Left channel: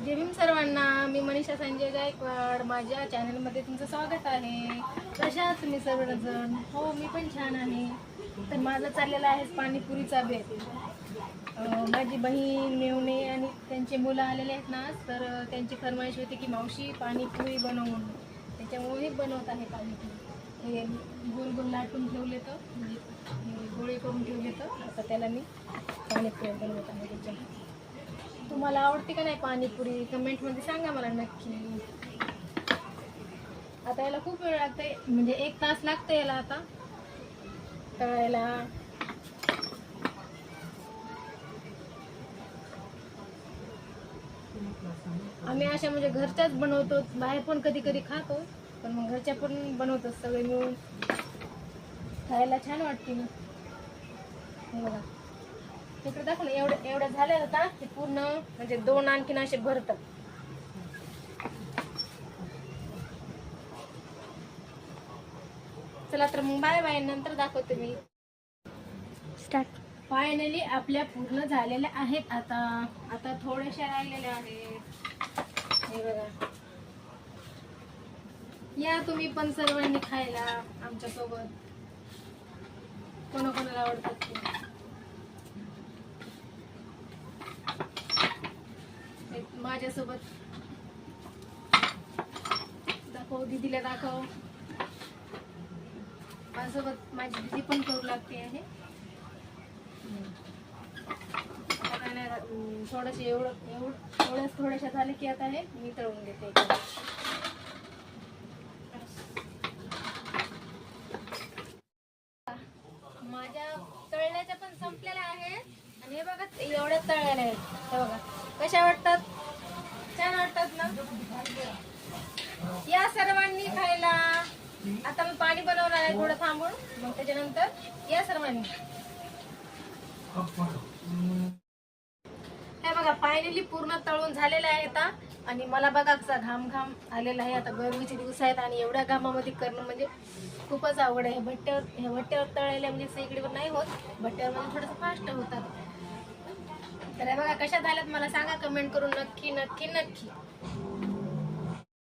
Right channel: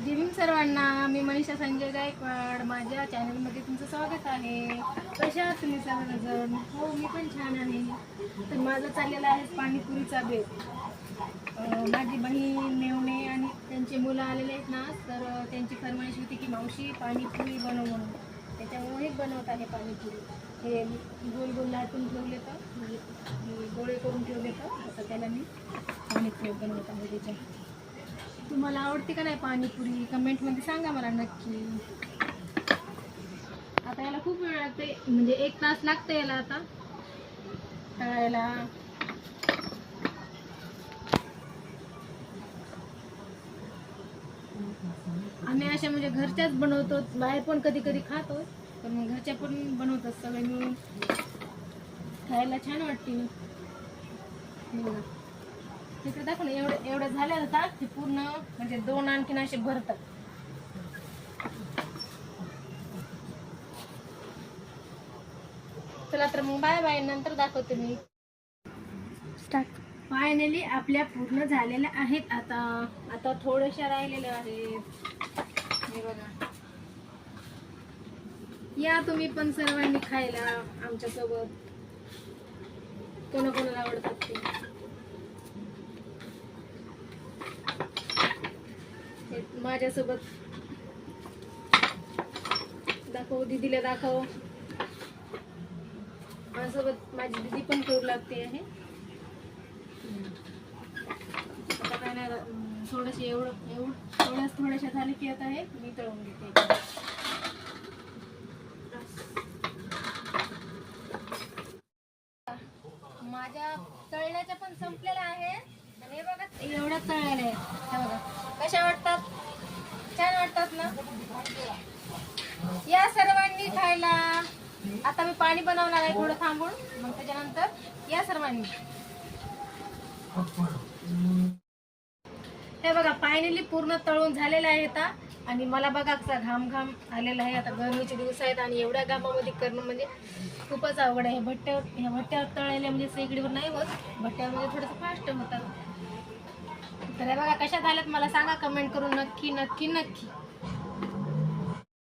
जय भीम सर्वांना. मी मनीषा संजय गायकवाड. माझ्या चॅनलमध्ये तुमचं स्वागत आहे. कशा आहात तुम्ही सर्वजण? हो, मी पण छान आहे. तर माझं चाललेलं आहे पाणीपुरीचा बेत. माझी बहीण मेवणे आणि त्यांची मुलं आलेले आहेत ना, तर त्यांची फरमाईश होती की मावशी पाणीपुरी बनव म्हणून. त्याच्यामुळे बनवत आहे पाणीपुरी. हे गोल गोल लाटून ठेवले तर म्हणजे हे गोळे करून ठेवले तर आता त्याला मी पाणीपुरी बनवत आहे. त्याच्या तुम्हाला आवडते का नाही पाणीपुरी? कमेंटमध्ये सांगा मला नक्की. आता याला खूप वेळ लागते, म्हणजे 1 तास लागते याला आता तळायला. आम्ही अशा म्हणजे घरच्याच बनवतो, बाहेर पण कधी कधी खातो, पण मग घरच्या पण बनवतो सगळे मिळून. खायला छान वाटते. हे बघा तिकडे दाखव ना. एवढं एवढं झालं आता ते पूर्ण म्हणजे 2 आणखीन असे भरतात. चला तर मग बाय बाय, नंतर दाखवते मी. स्टार्ट. फायनली आपल्या पूर्ण झालेल्या आहेत. आता थोड्याशा राहिलेल्या आहेत. हे बघा, या तुम्ही पण सर्वांनी खायला आमच्या सोबत. कोणाकोणाला आवडतात ते. माझ्यासोबत दाखव, दीदीला दाखव. माझ्यासोबत माझी दीदी पण करू लागते आहे. थोडंसे थोड्याशा झाले की आता हे मी तळून घेते. माझ्या तळण्याच्या पण संपलेल्या आहेत आणि हे बघा एवढ्या तळलेल्या आहेत. हे बघा कशा वाटतात? छान वाटतात ना? या सर्वांनी खायला. आता मी पाणी बनवणार आहे थोडं थांबून, मग त्याच्यानंतर या सर्वांनी. हे बघा फायनली पूर्ण तळून झालेले आहेत आणि मला बघा कसा घाम घाम आलेला आहे. आता गरमीचे दिवस आहेत आणि एवढ्या घामामध्ये करणं म्हणजे खूपच आवड आहे. ह्या भट्ट्यावर तळलेल्या म्हणजे शेगडीवर नाही होत, भट्ट्यामध्ये थोडंसं फास्ट होतात. तर हे बघा कशा झाल्यात मला सांगा कमेंट करून नक्की नक्की नक्की.